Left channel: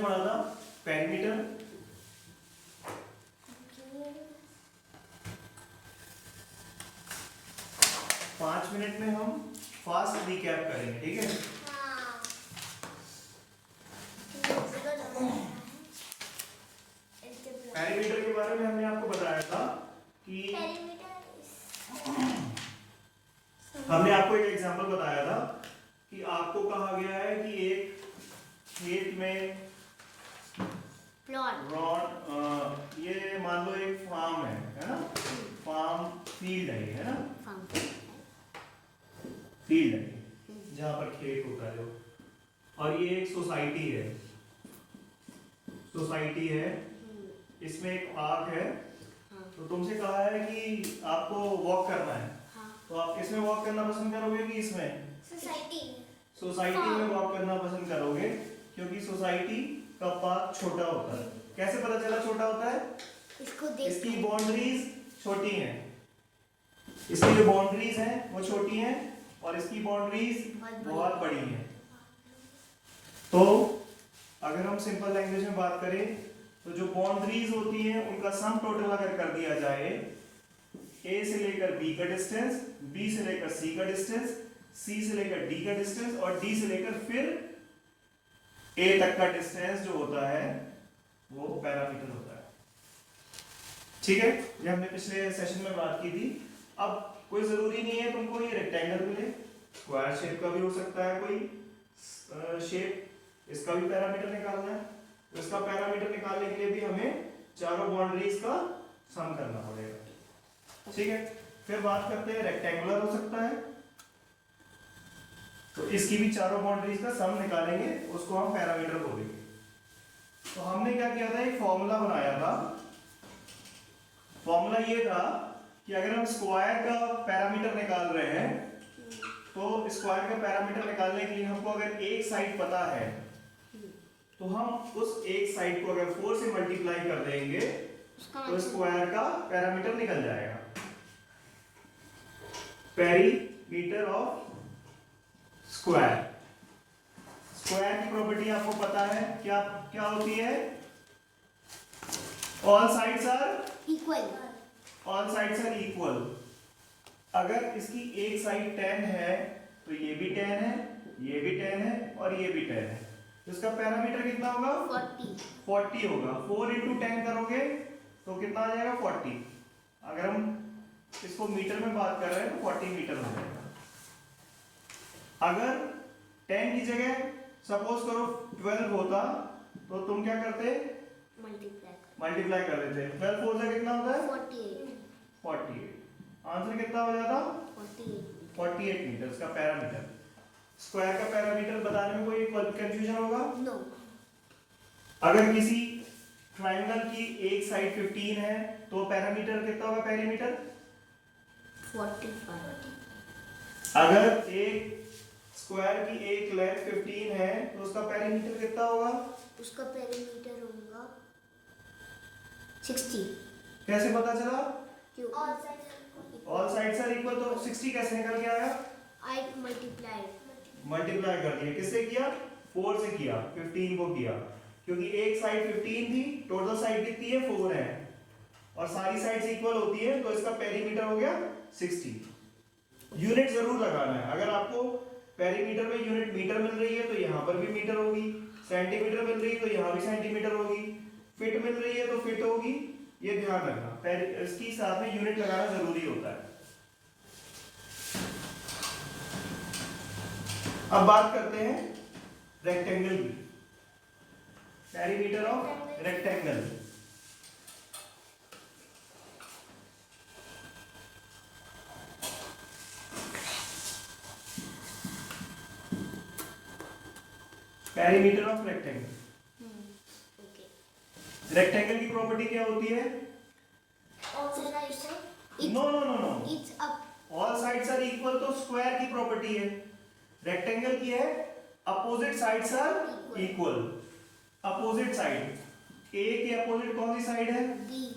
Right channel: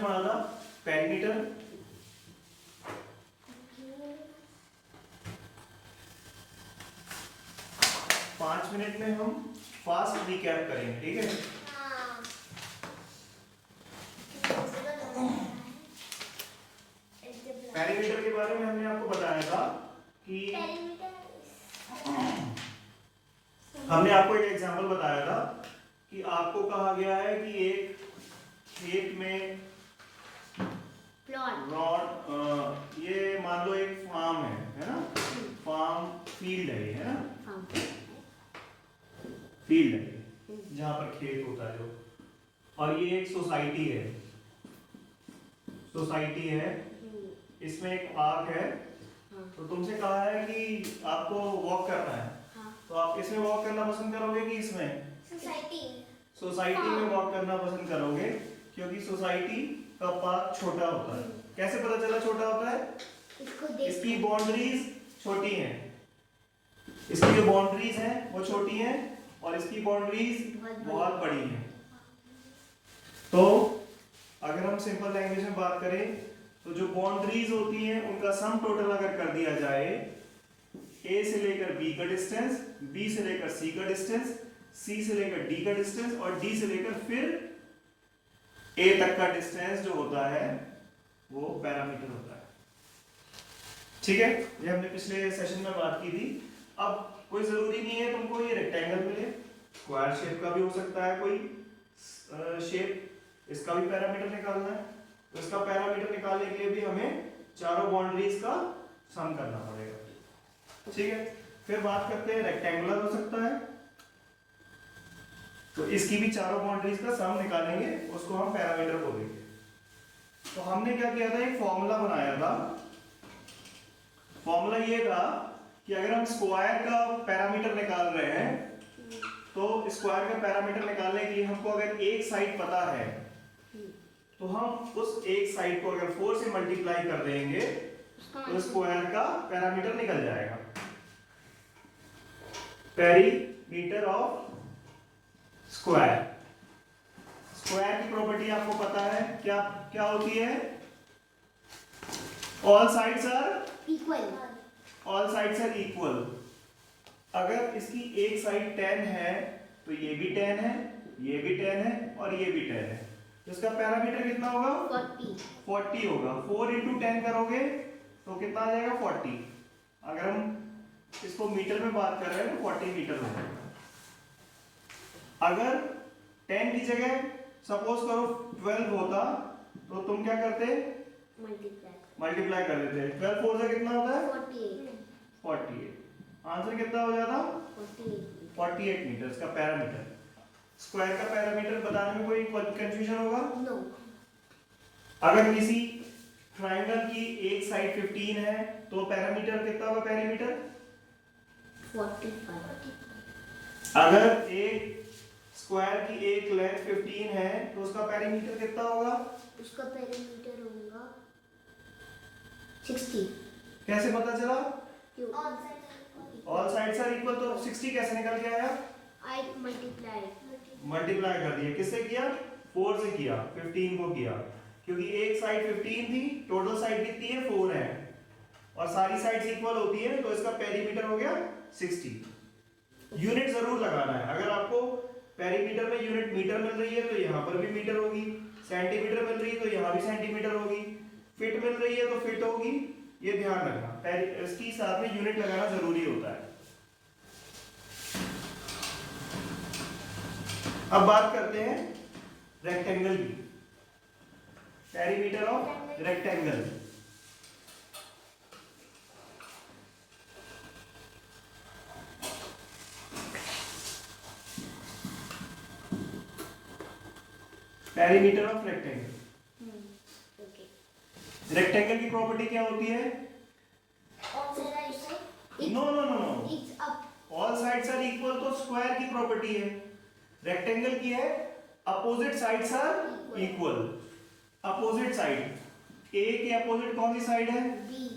हमने पढ़ा था पेरीमीटर। 5 मिनट में हम फास्ट रिकैप करेंगे, ठीक है। पेरीमीटर के बारे में हमने आपको बताया था कि हमने आपको एक एग्जांपल बताया था कि आपको कहा गया है कि एक खेत में ये मान लो एक फार्म है ना, फार्म फील्ड है ये, है ना, फील्ड है जहाँ पर खेत होता है जो, और ये एक सोसाइटी है, सोसाइटी है, इसमें एक पार्क है। तो तुमसे कहा है कि आपको वॉक करना है, तो आप किसमें वॉक करना पसंद करोगे कि इसमें? सोसाइटी में वॉक करना पसंद करोगे, क्योंकि सोसाइटी का पार्क छोटा होता है। कैसे पता चला छोटा होता है? इसकी बाउंड्रीज छोटी हैं, इसकी जो बाउंड्रीज हैं वो छोटी हैं और इसकी बाउंड्रीज बहुत बड़ी हैं। तो अगर हम सिंपल लैंग्वेज में बात करें तो जो बाउंड्रीज होती हैं उनका सम टोटल अगर कर दिया जाए, ए से लेकर बी का डिस्टेंस, बी से लेकर सी का डिस्टेंस, सी से लेकर डी का डिस्टेंस और डी से लेकर फिर ए तक का डिस्टेंस जो होता है वो पैरामीटर होता है, ठीक है। ये हमने पिछले सेशन में बात की थी। अब कोई जरूरी नहीं है तुमको ये रेक्टेंगल मिले, स्क्वायर शेप का भी हो सकता है कोई शेप, इसका भी पैरामीटर निकालना है। तो इसका पैरामीटर निकालने के लिए भी हमें चारों बाउंड्रीज का सम करना पड़ेगा, ठीक है। फिर बात करते हैं रेक्टेंगुलर हो सकता है, तो इसकी भी चारों बाउंड्रीज का सम निकालेंगे, उसको हम पैरामीटर बोलेंगे। तो हमने क्या किया था, एक फॉर्मूला बनाया था। फॉर्मूला ये था कि अगर हम स्क्वायर का पैरामीटर निकाल रहे हैं तो स्क्वायर का पैरामीटर निकालने के लिए हमको अगर एक साइड पता है तो हम उस एक साइड को अगर 4 से मल्टीप्लाई कर देंगे तो स्क्वायर का पैरामीटर निकल जाएगा। पेरीमीटर ऑफ स्क्वायर, स्क्वायर की प्रॉपर्टी आपको पता है क्या क्या होती है? All sides are equal, all sides are equal. अगर इसकी एक साइड 10 है तो ये भी 10 है, ये भी 10 है और ये भी 10 है, तो इसका पैरामीटर कितना होगा? 40 होगा। 4 into 10 करोगे तो कितना आ जाएगा? 40। अगर हम इसको मीटर में बात कर रहे हैं तो 40 मीटर हो जाएगा। अगर 10 की जगह सपोज करो 12 होता तो तुम क्या करते? मल्टीप्लाई कर देते। 12 4 से कितना होता है? 48। आंसर कितना हो जाता? 48 मीटर का पैरामीटर। स्क्वायर का पैरामीटर बताने में कोई कंफ्यूजन होगा? नो। अगर किसी ट्रायंगल की एक साइड 15 है तो पैरामीटर कितना होगा? पेरीमीटर 45। अगर एक स्क्वायर की एक लेंथ 15 है तो उसका पेरीमीटर कितना होगा? उसका पेरीमीटर होगा 60। कैसे पता चला? क्यों? ऑल साइड्स आर इक्वल, तो 60 कैसे निकल के आया? आई मल्टीप्लाई कर दिया। किससे किया? 4 से किया, 15 को किया, क्योंकि एक साइड 15 थी, टोटल साइड कितनी है? 4 है और सारी साइड्स इक्वल होती है, तो इसका पेरीमीटर हो गया 60। यूनिट जरूर लगाना है। अगर आपको पेरीमीटर में यूनिट मीटर मिल रही है तो यहाँ पर भी मीटर होगी, सेंटीमीटर मिल रही है तो यहाँ भी सेंटीमीटर होगी, फिट मिल रही है तो फिट होगी, ये ध्यान रखना। इसकी साथ में यूनिट लगाना जरूरी होता है। अब बात करते हैं रेक्टेंगल की, perimeter of rectangle. Perimeter of rectangle. Rectangle की प्रॉपर्टी क्या होती है? No no no no, all sides are equal तो स्क्वायर की प्रॉपर्टी है। रेक्टेंगल की है opposite sides are equal. Opposite side, A के अपोजिट कौन सी साइड है? बी।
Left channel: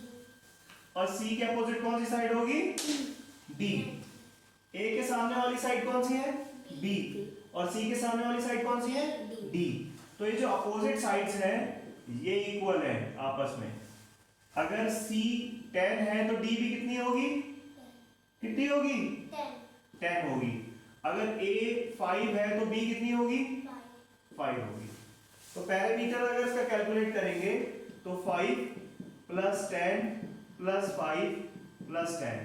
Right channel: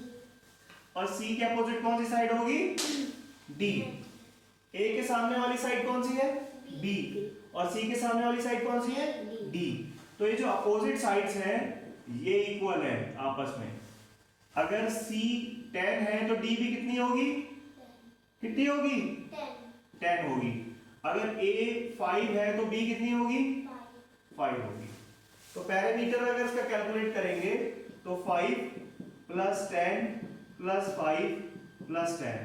और सी के अपोजिट कौन सी साइड होगी? डी। ए के सामने वाली साइड कौन सी है? बी। और सी के सामने वाली साइड कौन सी है? डी। तो तो ये जो अपोजिट साइड्स हैं ये इक्वल है आपस में। अगर C 10 है तो D भी कितनी होगी? कितनी होगी? 10 होगी। अगर A 5 है तो B कितनी होगी? 5 होगी। तो पैरामीटर अगर इसका कैलकुलेट करेंगे तो 5 प्लस 10 प्लस 5 प्लस 10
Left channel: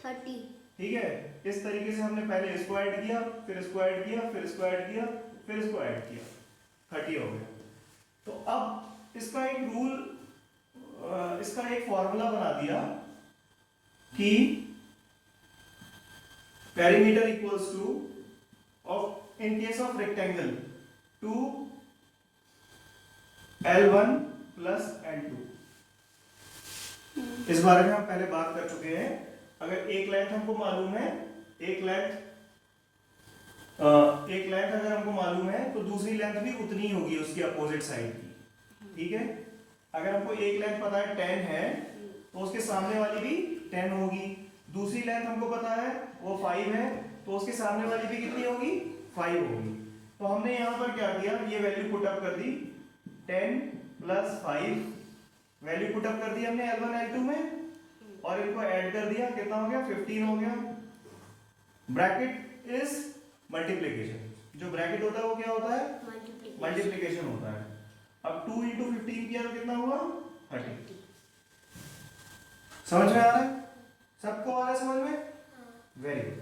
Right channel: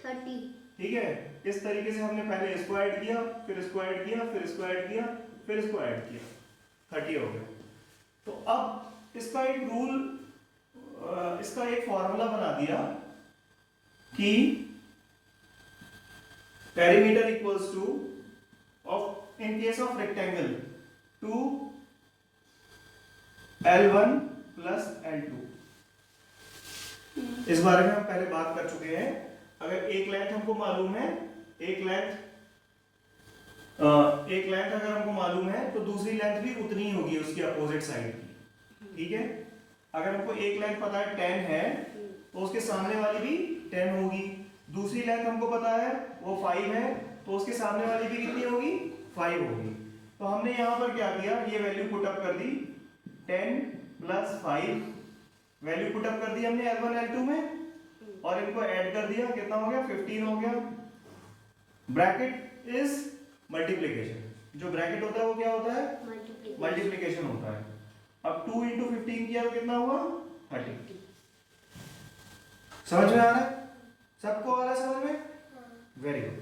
30। ठीक है। इस तरीके से हमने पहले इसको ऐड किया, फिर इसको ऐड किया, फिर इसको ऐड किया, फिर इसको ऐड किया, 30 हो गया। तो अब इसका एक रूल, इसका एक फॉर्मूला बना दिया कि perimeter equals two of in case of rectangle 2 L1 plus L2। इस बारे में हम पहले बात कर चुके हैं। अगर एक लेंथ हमको मालूम है, एक लेंथ अगर हमको मालूम है तो दूसरी लेंथ भी उतनी ही होगी उसकी अपोजिट साइड की। ठीक है। अगर हमको एक लेंथ पता है 10 है तो उसके सामने वाली भी 10 होगी। दूसरी लेंथ हमको पता है वो 5 है तो उसके सामने वाली भी कितनी होगी? 5 होगी। तो हमने यहाँ पर क्या किया, ये वैल्यू पुट अप कर दी, 10 प्लस 5 वैल्यू पुट अप कर दी हमने L1 L2 में, और इनको ऐड कर दिया, कितना हो गया? 15 हो गया। Bracket is multiplication. जो ब्रैकेट होता है वो क्या होता है? मल्टीप्लिकेशन होता है। अब 2 into 15 किया तो कितना हुआ? 30। समझ में आ रहा है? सबको आ रहा है समझ में? Very good.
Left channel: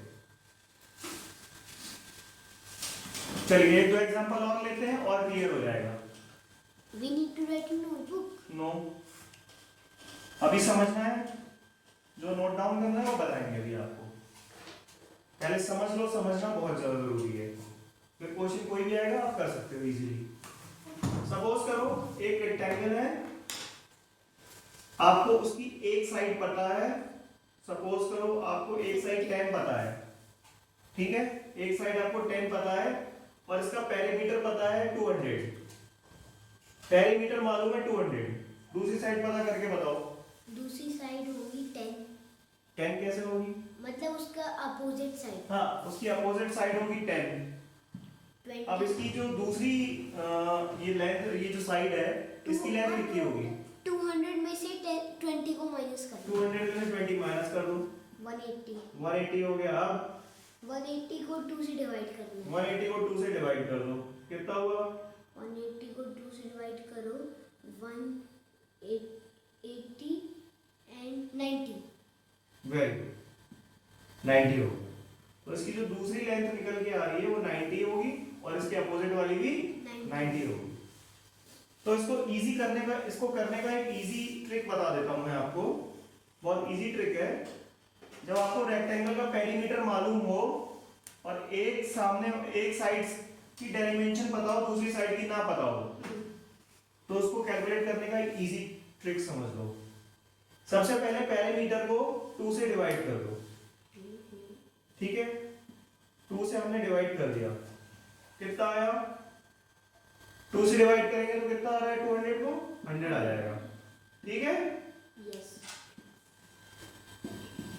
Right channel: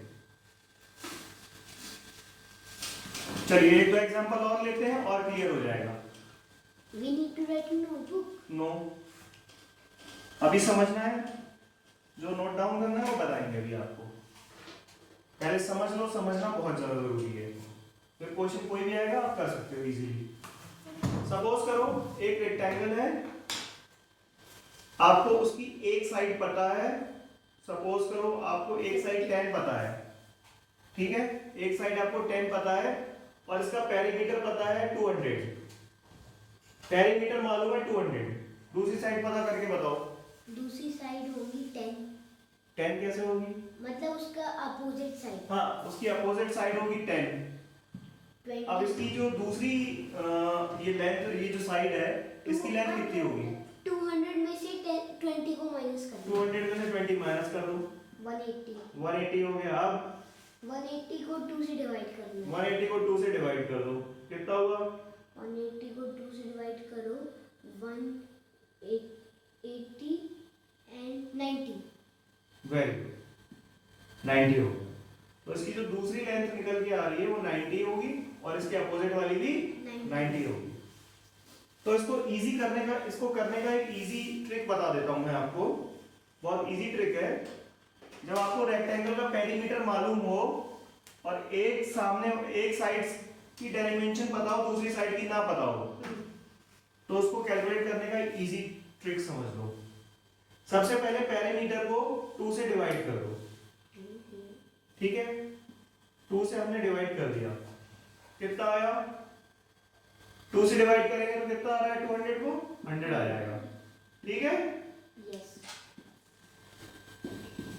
चलिए एक दो एग्जांपल और लेते हैं और क्लियर हो जाएगा। We need to write in notebook. No, अभी समझना है, जो नोट डाउन करना है वो बताएंगे अभी आपको। पहले समझ लो, समझना बहुत जरूरी है। फिर क्वेश्चन कोई भी आएगा आप कर सकते हो इजीली। सपोज करो एक रेक्टेंगल है, आपको उसकी एक साइड पता है। सपोज करो आपको एक साइड 10 पता है, ठीक है, एक साइड आपको 10 पता है और इसका पेरीमीटर पता है 200। पेरीमीटर मालूम है 200, दूसरी साइड पता करके बताओ। दूसरी साइड होगी 10। 10 कैसे होगी? मतलब उसका अपोजिट साइड। हाँ, उसकी अपोजिट साइड होगी 10। 20। अब इसकी जो दूसरी ये लेंथ, ये जो साइड है, इसकी लेंथ कितनी होगी? 200 में से 20 को माइनस कर दो। 200 में से 20 माइनस कर दो, 180। 180 हो गया। अब 180 को 2 से डिवाइड कर दो। 180 को 2 से डिवाइड कर दो, कितना हुआ? 180 को 2 से डिवाइड करो, 180 एंड 90। वेरी गुड, 90 हो गया। तो इसकी जो दूसरी लेंथ निकल के आ रही है वो 90 होगी और इसके अपोजिट वाली भी 90 होगी। तो इसको इजी करने का, इसको करने का एक इजी ट्रिक बता देता हूं मैं आपको। बहुत इजी ट्रिक है। जब आपको रेक्टेंगल का पेरीमीटर मालूम हो और एक साइड की डायमेंशन पता हो, दूसरी साइड की ना पता हो, तो उसको कैलकुलेट करने का एक इजी ट्रिक समझ लो। सबसे पहले पेरीमीटर को 2 से डिवाइड कर दो, ठीक है। 2 से हमने डिवाइड कर दिया, कितना आया? 2 से डिवाइड करेंगे तो कितना आ रहा है? 200 को 100 आ जाएगा, ठीक है। यस,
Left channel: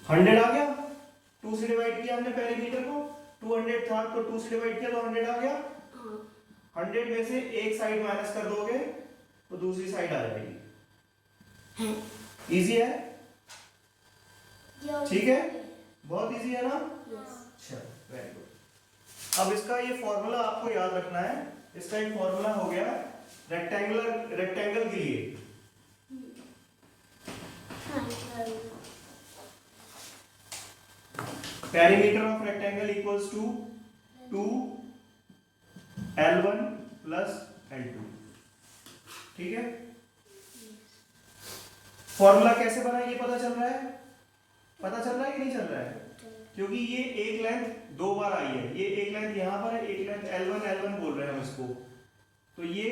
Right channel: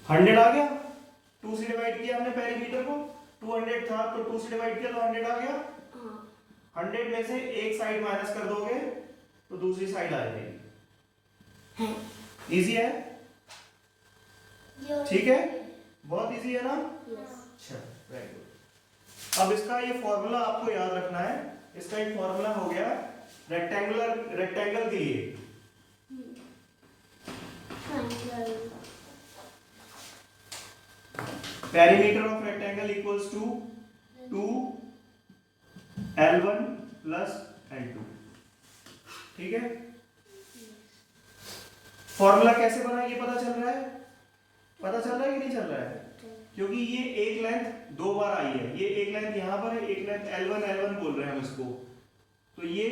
100 आ गया। 2 से डिवाइड किया हमने पेरीमीटर को, 200 था तो 2 से डिवाइड किया तो 100 आ गया। 100 में से एक साइड माइनस कर दोगे तो दूसरी साइड आ जाएगी। इजी है, ठीक है, बहुत इजी है ना? अच्छा, वेरी गुड। अब इसका ये फॉर्मूला आपको याद रखना है। इसका एक फॉर्मूला हो गया रेक्टेंगल के लिए। Perimeter of rectangle equals to 2 L1 plus L2, ठीक है। फॉर्मूला कैसे बना ये पता चल रहा है? पता चल रहा है कि नहीं चल रहा है? क्योंकि ये एक लेंथ 2 बार आई है। ये एक लेंथ यहाँ पर है, एक लेंथ L1 बोल रहे हैं हम इसको। तो ये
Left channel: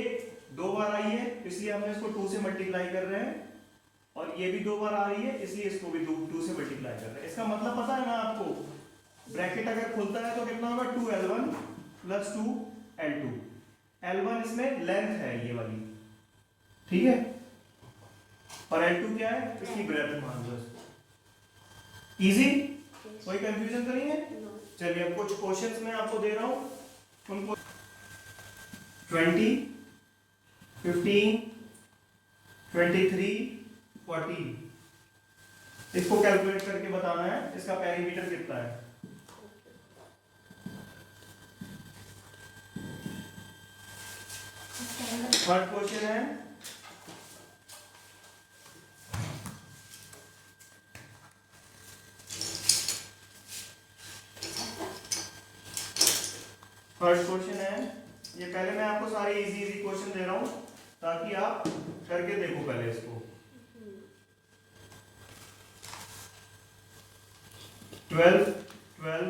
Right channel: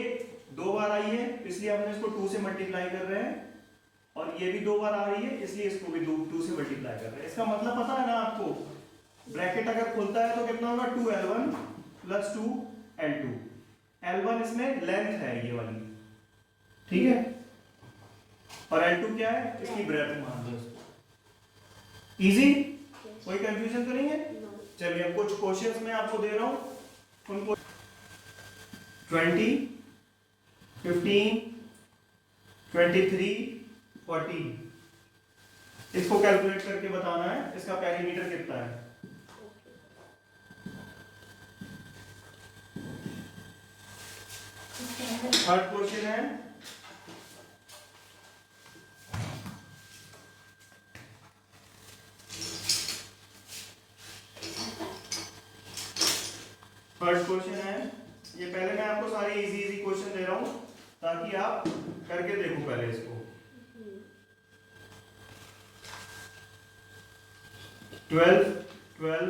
2 बार आई है, इसलिए हमने इसको 2 से मल्टीप्लाई कर रहे हैं, और ये भी 2 बार आ रही है, इसलिए इसको भी 2 से मल्टीप्लाई कर रहे हैं। इसका मतलब पता है ना आपको? ब्रैकेट अगर खुलता है तो कितना होगा? 2L1 plus 2L2। L1 इसमें लेंथ है ये वाली, ठीक है, और L2 क्या है? इसकी ब्रेथ मान लो। इजी, कोई कंफ्यूजन तो नहीं है? चलिए अब कुछ क्वेश्चंस मैं आपको दे रहा हूं, उनको 20 15, 23, 14। इसको कैलकुलेट करके बताना है इसका पेरीमीटर कितना है। थर्ड क्वेश्चन है ये पहले मैं आपको सारे इजी इजी क्वेश्चन दे रहा हूं ताकि आप करके देखो पहले इसको। 12, 12,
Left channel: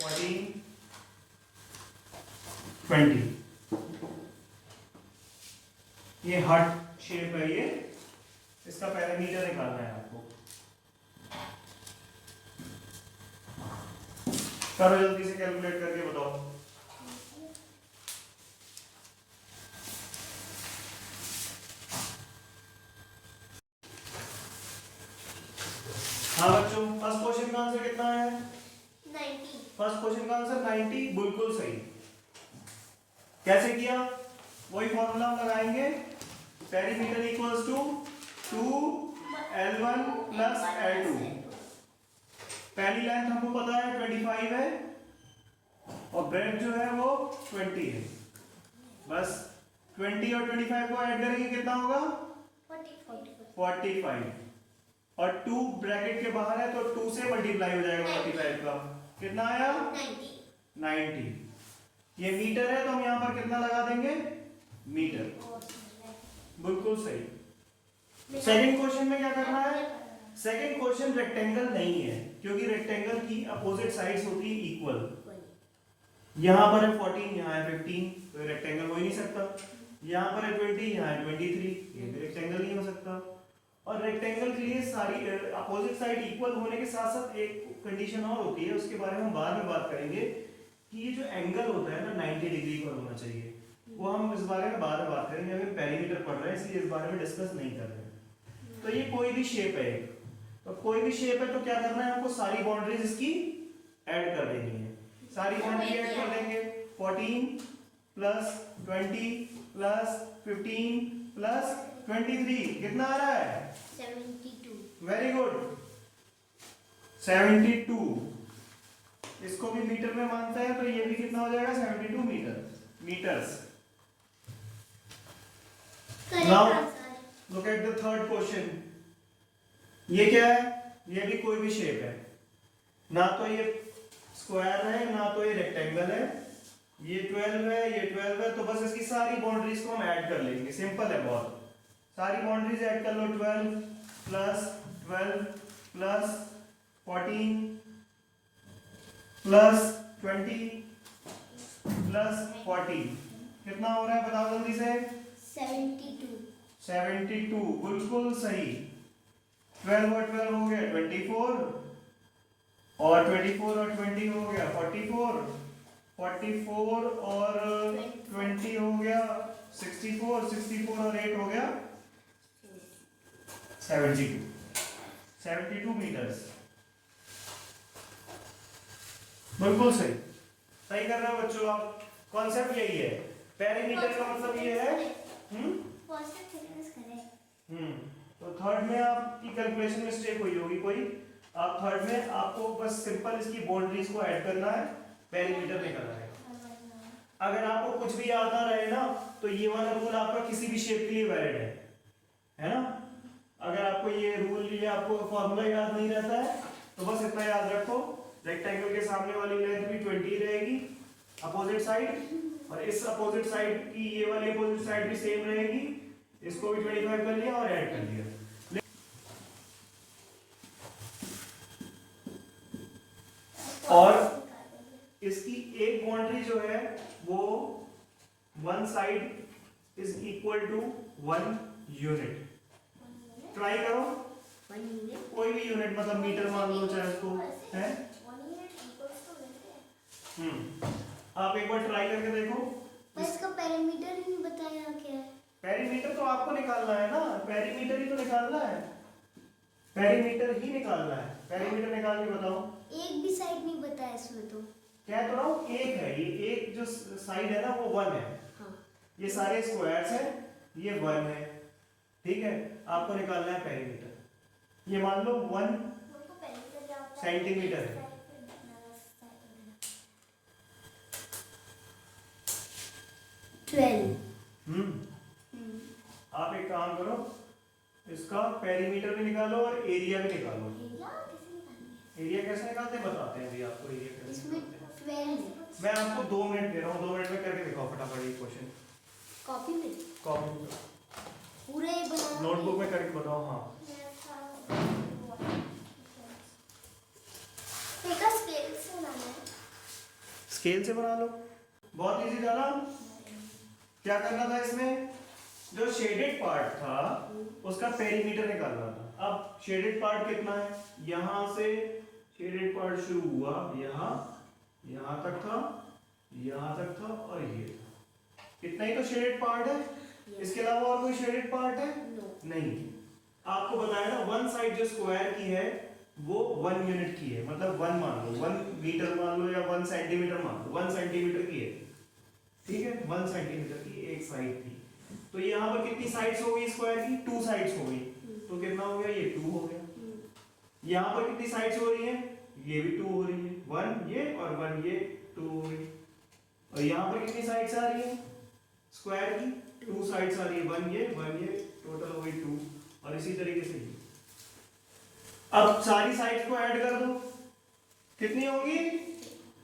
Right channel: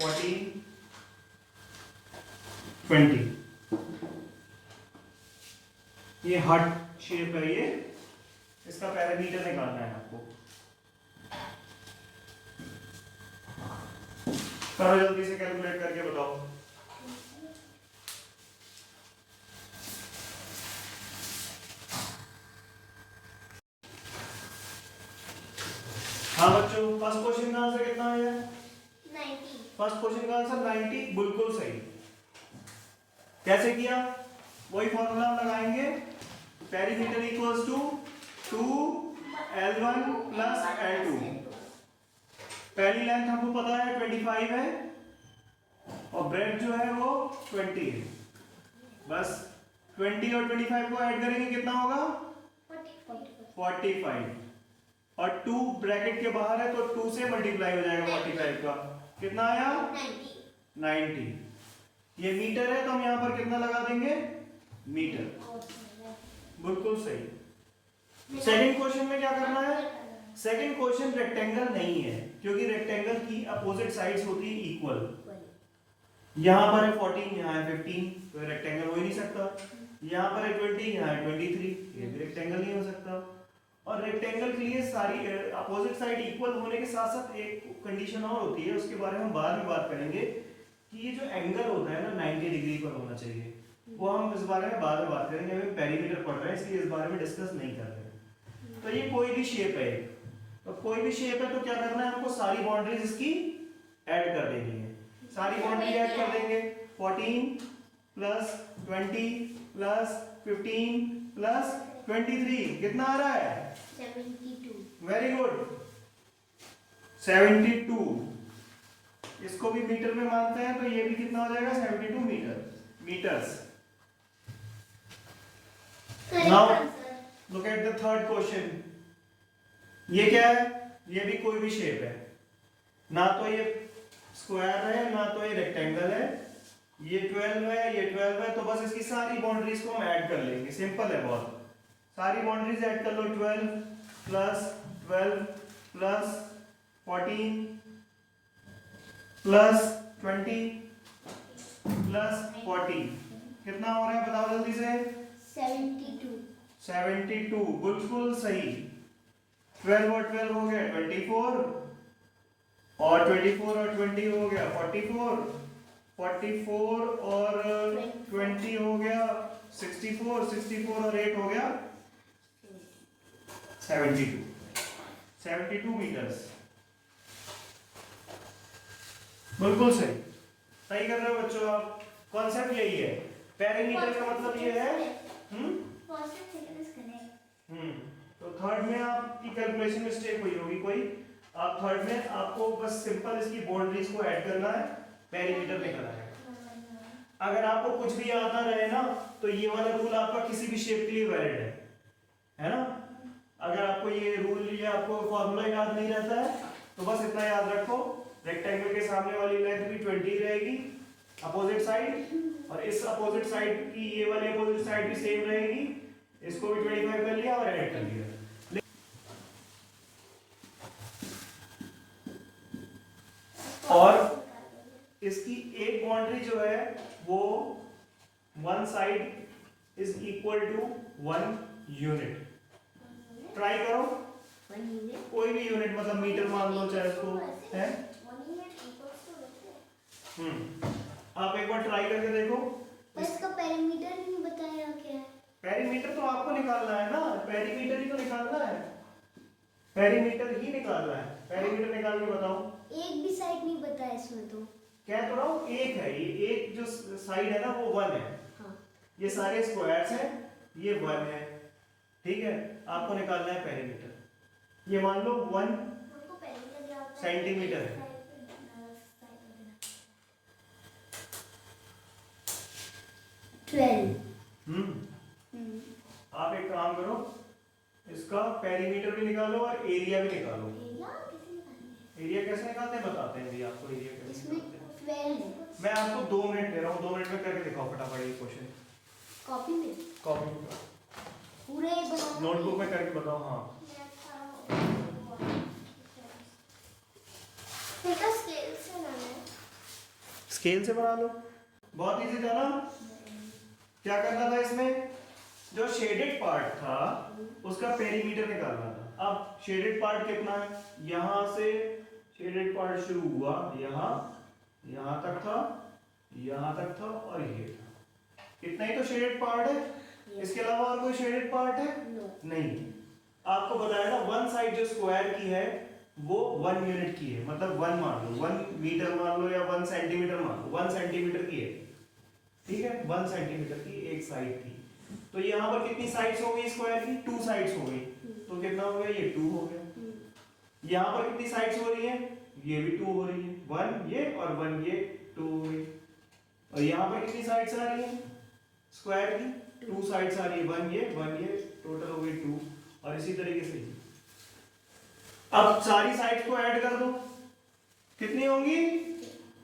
14, 20। ये हार्ट शेप है, ये इसका पैरामीटर निकालना है आपको। करो जल्दी से कैलकुलेट करके बताओ। हाँ बच्चों, फर्स्ट क्वेश्चन का आंसर कितना है? 90। फर्स्ट क्वेश्चन का आंसर 90, बिल्कुल सही। कैसे किया? वही फॉर्मूला हम लगाएंगे, perimeter equals to 2L1 plus L2। पहली लेंथ हमको पता है 25 है और ब्रेड जो है वो 20 है। बस 20 और 25 को ऐड करेंगे कितना होगा? 45। और 2 ब्रैकेट के बाहर है तो 2 से मल्टीप्लाई हो जाएगा 45 का। कितना आया? 90। ये मीटर है तो हम यहाँ पर कितना लगा देंगे? मीटर। बिल्कुल सही। सेकंड क्वेश्चन में क्या करना है? सेकंड क्वेश्चन रेक्टेंगल नहीं है क्योंकि रेक्टेंगल की अपोजिट साइड्स होती है इक्वल। यहाँ पर है 14, यहाँ है 15, तो रेक्टेंगल हो ही नहीं सकता। यहाँ पर है 20, यहाँ है 23, ये भी रेक्टेंगल नहीं हो सकता। और रेक्टेंगल के लिए सारी अपोजिट साइड इक्वल होने के साथ साथ एक कंडीशन और होती है, उसके बारे में हम बाद में बात करेंगे कि ये जो एंगल होता है ना 90 डिग्री पर होना चाहिए। वो हम इस बारे में बाद में बात करेंगे, अभी पेरीमीटर पढ़ रहे हैं इसलिए इस बारे में डिस्कस नहीं कर रहे। तो ये कोई भी शेप है, तो कोई भी शेप है तो क्या करना है हमको? सारी बाउंड्रीज इसकी ऐड कर देनी है। सारी बाउंड्री ऐड कर देंगे। 14 प्लस 20 प्लस 15 प्लस 23 कितना आ रहा है? 72। Very good, 72। इसको भी मीटर में मानते हैं तो ये भी कितना हो जाएगा? 72 metres. Now look at the third question. ये क्या है? ये भी कोई भी शेप है, ना तो ये स्क्वायर है ना तो ये रेक्टेंगल है। ये 12 है, ये 12 है, तो बस इसकी सारी बाउंड्रीज को हम ऐड कर लेंगे। सिंपल है बहुत, सारी बाउंड्रीज ऐड कर लो। 12 प्लस 12 प्लस 14 प्लस 20 प्लस 40 कितना हो रहा है? बताओ जल्दी से। 72। 72, बिल्कुल सही। 12 और 12 हो गया 24, और 24 और 20 हो गया 44, 44 और 20 हो गया 64, 64 और 8 हो गया 72। 72 मीटर्स, बिल्कुल सही। सही कर रहे हो बच्चों आप। कॉन्सेप्ट यही है, पेरीमीटर का मतलब ये है। तो थर्ड में आपकी कैलकुलेशन मिस्टेक हुई होगी कोई। आप थर्ड में आपको बस सिंपल इसकी बाउंड्रीज को ऐड करना है, पेरीमीटर निकलना है। अगर आपको कुछ भी याद ना रहे ना तो ये वाला रूल आपका किसी भी शेप के लिए वैलिड है ना। अगर आपको ये रूल या आपको फॉर्मूला याद नहीं रहता है तो बस इतना याद रखो, रेक्टेंगल के सामने वाली लेंथ भी 20 रहेगी अपोजिट साइड, और इस अपोजिट साइड की ये वाली अपोजिट साइड भी सेम रहेगी। इसको भी 25 कर लिया और ऐड कर लिया। और इसकी एक बाउंड्री जो है वो one side is equal to 1 unit. Try करो, कोई भी यूनिट, मतलब मीटर मान लो चाहे उसको है। आप एक बार ट्राई करके देखो। इसका पेरीमीटर नहीं बताया क्या है? पेरीमीटर तो आपको निकालना है ना, पेरीमीटर ही तो निकालना है, पेरीमीटर ही निकालना है। पेरीमीटर निकाल के बताओ। एक भी साइड नहीं बताया इसमें तो। क्या तो रहा हूँ, एक है, ये एक जो साइड है ना वो 1 है। हाँ। ये सारे स्क्वायर्स हैं, ये 1 है, ठीक है। आपको निकालना है पेरीमीटर। ये मान लो 1 सेंटीमीटर है। आप एक काम करो, इसका पेरीमीटर भी निकालो और एरिया भी निकालो। एरिया कैसे निकालते हैं बताते हैं भैया आपको। एरिया कैसे निकालते हैं मैं आपको 2 मिनट दे रहा हूँ, 2 मिनट में करके दिखाओ फटाफट ये क्वेश्चन। कॉपी में पूरे नोटबुक में करके बताओ। हाँ स्केल से बना लो, बहुत इजी था ना। क्या करना था इसमें, जो शेडेड पार्ट था उसका पेरीमीटर निकालना था। अब शेडेड पार्ट कितना है, यहां से शेडेड पार्ट शुरू हुआ, यहां तक था, यहां तक था और ये था। इतना ही तो शेडेड पार्ट है। इसके अलावा और कोई शेडेड पार्ट है? नहीं। आपको बताया ना, वन साइड जो स्क्वायर की है वो 1 यूनिट की है, मतलब 1 मान लो, 1 मीटर मान लो या 1 सेंटीमीटर मान लो, 1 सेंटीमीटर की है, ठीक है। 1 सेंटीमीटर की एक साइड थी। तो यहाँ पर कितनी साइड्स हो गई स्क्वायर की? 2 साइड्स हो गई। तो कितना हो गया, ये 2 हो गया। यहाँ पर कितनी साइड्स हो रही हैं? ये भी 2 हो रही है, 1 ये और 1 ये, 2 हो गई। और यहाँ पर कितनी साइड्स आ रही हैं स्क्वायर की? 2 साइड्स आ रही है, 1 ये, टोटल हो गई 2। और इसी तरीके से अब सारी साइड्स को ऐड कर दो, कितनी होंगी?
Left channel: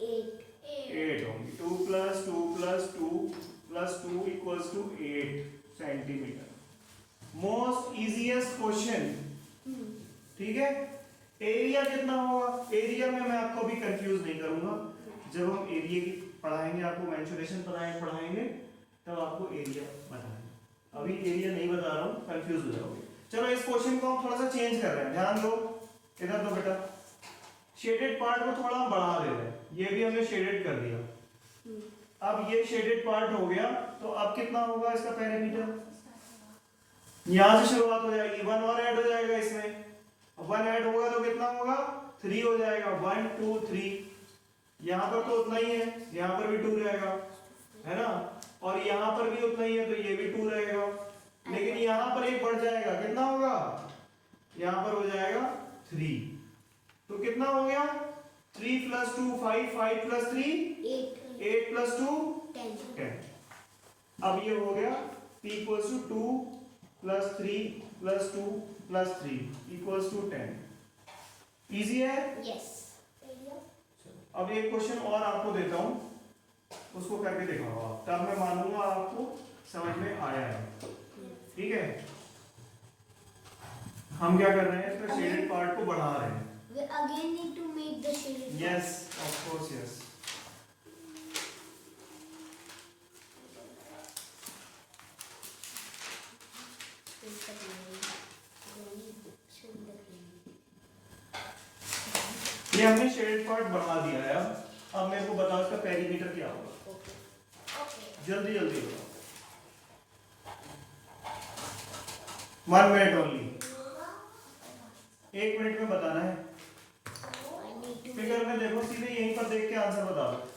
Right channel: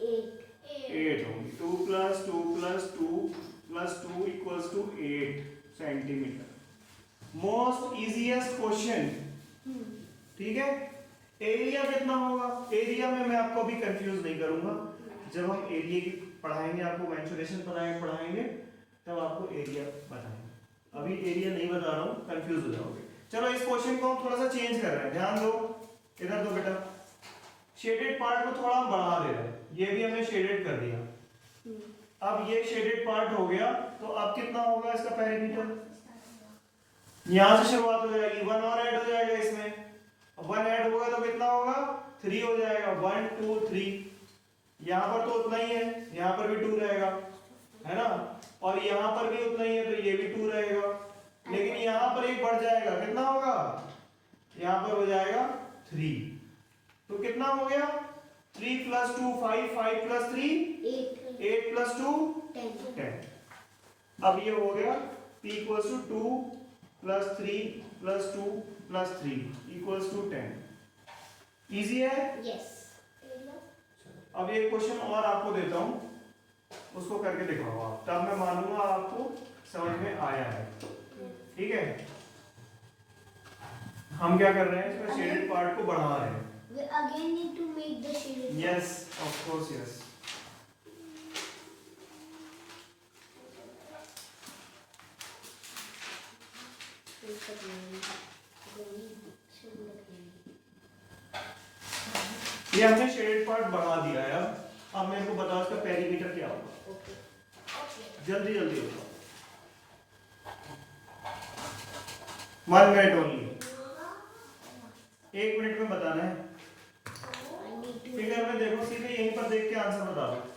8 होंगी। 2 + 2 + 2 + 2 = 8 सेंटीमीटर। मोस्ट इजीएस्ट क्वेश्चन, ठीक है। एरिया कितना होगा? एरिया में मैं आपको अभी कंफ्यूज नहीं करूंगा। जब हम एरिया की पढ़ाएंगे, आपको मेंसुरेशन पढ़ाएंगे तब आपको एरिया बताएंगे। अभी एरिया नहीं बता रहा हूँ, कंफ्यूज हो जाओगे। चलो इस क्वेश्चन को हम थोड़ा सा चेंज कर रहे हैं, ध्यान दो। इधर दो बेटा, शेडेड पार्ट को थोड़ा हम बढ़ा दे रहे हैं। ये भी हमने शेडेड कर दिया। अब ये शेडेड पार्ट हो गया, तो अब कितना होगा इसका पेरीमीटर? यहां से शुरुआत हो जाएगी, 1 और ऐड हो जाएगा इसमें। 1 ऐड होगा तो कितना होगा? 3 हो जाएगा। 1 2 3। यहाँ पर तो उतना ही है, यहाँ पर भी 2 रहेगा, है ना। और यहाँ पर भी उतना ही है, तो ये भी 2 रहेगा। लेकिन यहाँ पर एक बढ़ जाएगा, कितना होगा? यहाँ पर हो जाएगा 3। तो कितना हो गया? 3 + 2 5, 5 + 3 8 + 2 10। अब ये हो गया P = 2 + 3 + 2 + 3 = 10। इजी है? यस। अब एक क्वेश्चन और आपको देता हूं, उसको करके दिखाओ आप, तब मैं मानूंगा आपको समझ में आया है, ठीक है। हम क्या कर रहे हैं, इसका शेडेड पार्ट को बढ़ा रहे हैं। We again need to make the shaded. Yes, of course, yes. ये हमने शेडेड पार्ट बढ़ा दिया है। अब मेरे को बताओ इसका पेरीमीटर क्या होगा। जल्दी जल्दी बताओ, 1 मिनट ओनली, 1 मिनट में बताना है। फिगर में देखो, सीधे यहीं पर देख के आंसर बता दो।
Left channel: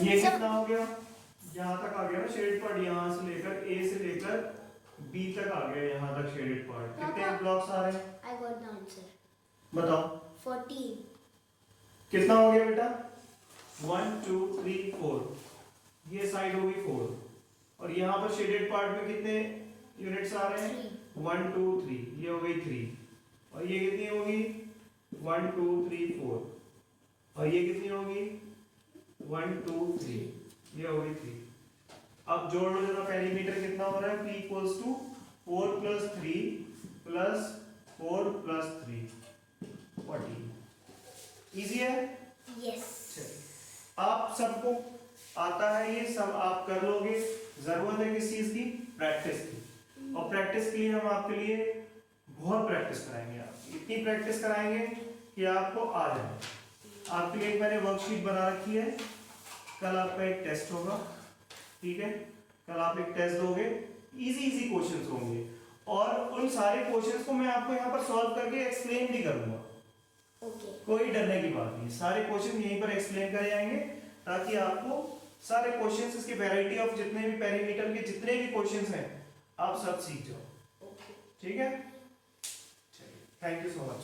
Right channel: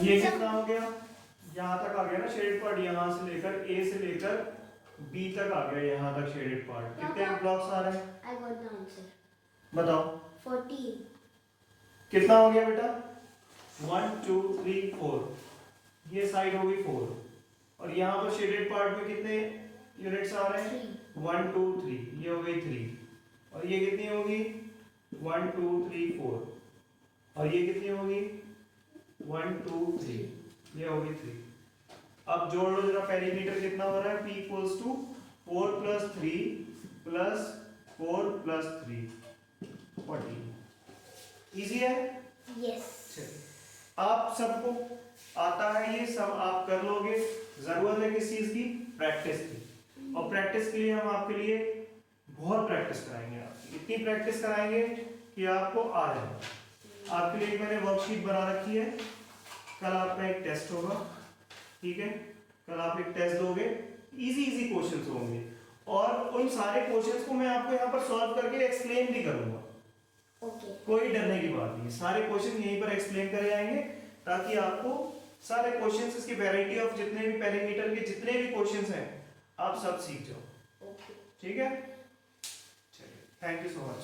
ये कितना हो गया? यहाँ तक आ गया ना शेडेड पार्ट, यहाँ से लेकर ए से लेकर बी तक आ गया, यहाँ तक शेडेड पार्ट। कितने ब्लॉक्स आ रहे हैं? I got the answer. बताओ। 14. कितना हो गया बेटा? 1 2 3 4। ये साइड होगी 4 और यहाँ पर शेडेड पार्ट में कितने यूनिट्स आ रहे हैं? 1 2 3। ये हो गई 3 और ये कितनी होगी? 1 2 3 4 और ये कितनी होगी? 1 2 3। ये हो गई 3। अब जोड़ लो जरा, पेरीमीटर कितना हो रहा है? P = 4 + 3 + 4 + 3 14। इजी है? Yes. आप सबको आता है, ये सब आप कर लोगे। जरूरत है किस चीज की? प्रैक्टिस की। और प्रैक्टिस के लिए हम आपके लिए बहुत प्रैक्टिस कराएंगे। आप इतनी प्रैक्टिस कराएंगे कि आपको आ जाए। आपके लिए मैंने वर्कशीट बना रखी है, कल आपका एक टेस्ट होगा, ठीक है। कल आप एक टेस्ट दोगे, इजी इजी क्वेश्चंस होंगे और उन सारे क्वेश्चंस को मैं आपको यहाँ पर सॉल्व करके एक्सप्लेन भी करूंगा। ओके। कोई डरने की बात नहीं, सारे क्वेश्चन यहीं पर एक्सप्लेन करे जाएंगे ताकि आपको सारे क्वेश्चंस, इसकी वैरायटी ऑफ जितने भी पेरीमीटर के जितने भी क्वेश्चंस हैं आप सब सीख जाओ। ठीक है, चलिए, थैंक यू सो मच।